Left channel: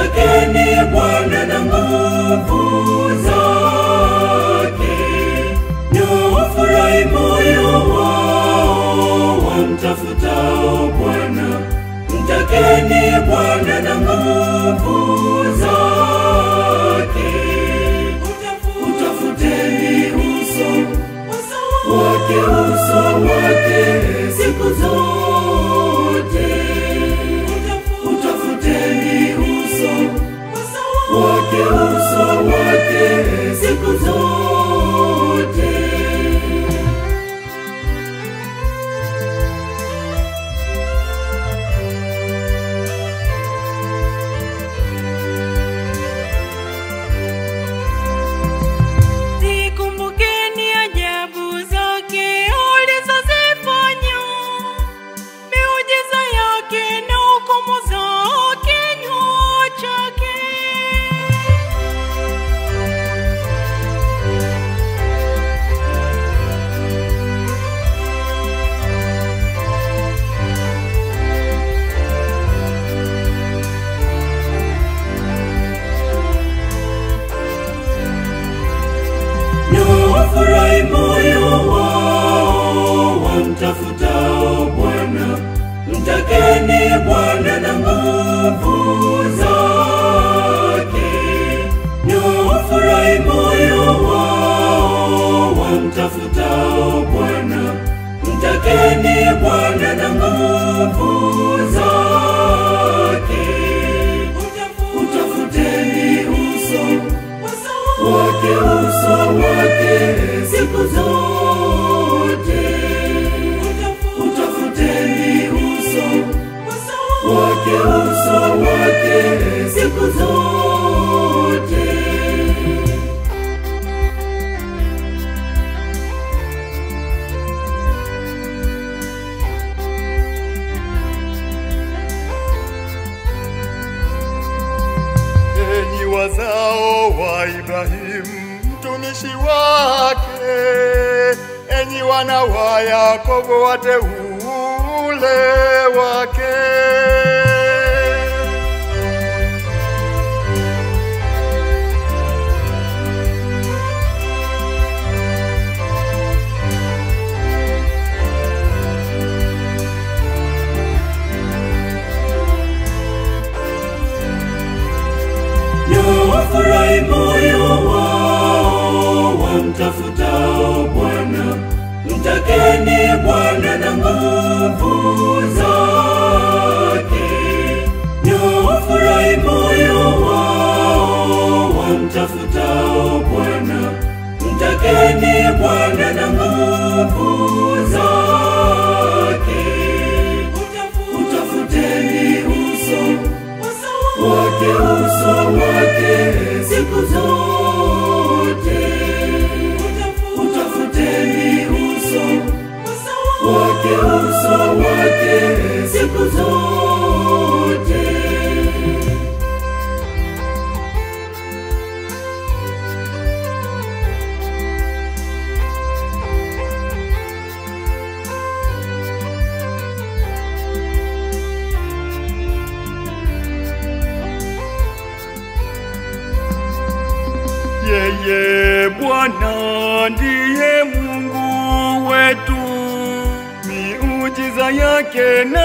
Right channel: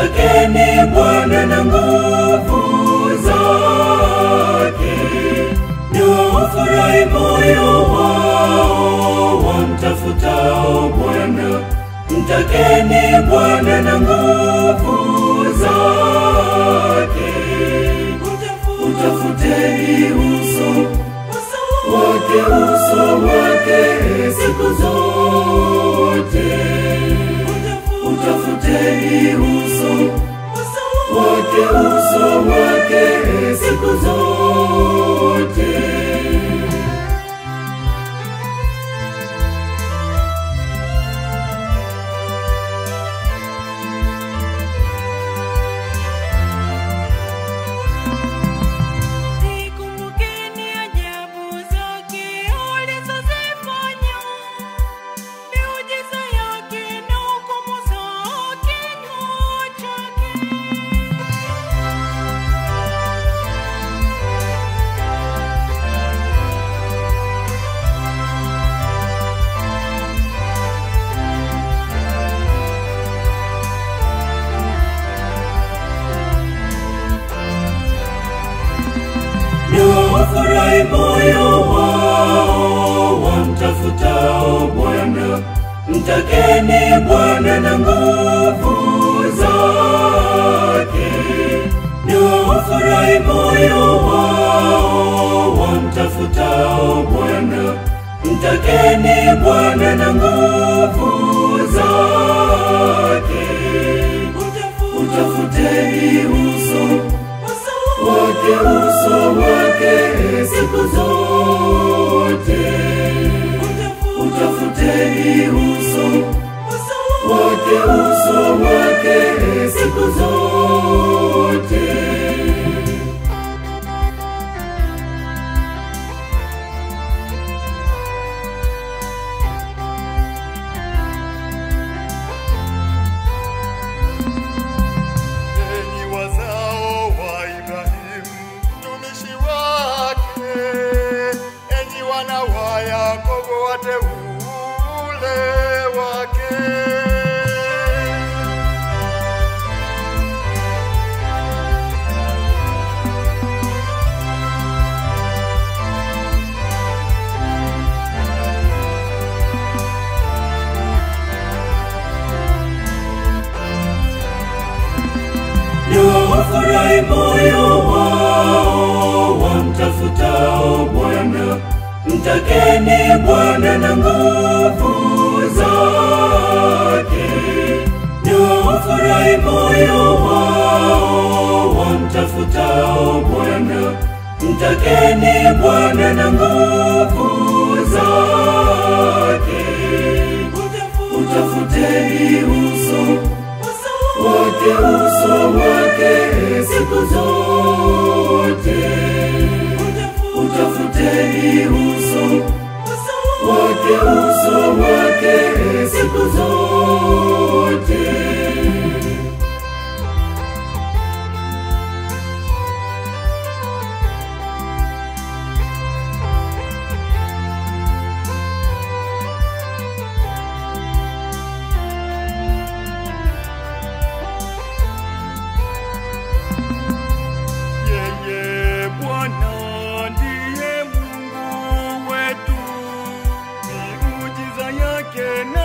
Mtakeni Bwana na nguvu zake. Ufurahi moyo wao wamtafutao Bwana. Mtakeni Bwana na nguvu zake. Utafuteni uso wake siku zote. Utafuteni uso wake siku zote. Mtakeni Bwana na nguvu zake. Ufurahi moyo wao wamtafutao Bwana. Mtakeni Bwana na nguvu zake. Utafuteni uso wake siku zote. Utafuteni uso wake siku zote. Enyi wazao wa Ibrahimu mtumishi wake, enyi wana wa Yakobo wateule wake. Ufurahi moyo wao wamtafutao Bwana. Mtakeni Bwana na nguvu zake. Ufurahi moyo wao wamtafutao Bwana. Mtakeni Bwana na nguvu zake. Utafuteni uso wake siku zote. Utafuteni uso wake siku zote. Yeye Bwana ndiye Mungu wetu, miujiza yake na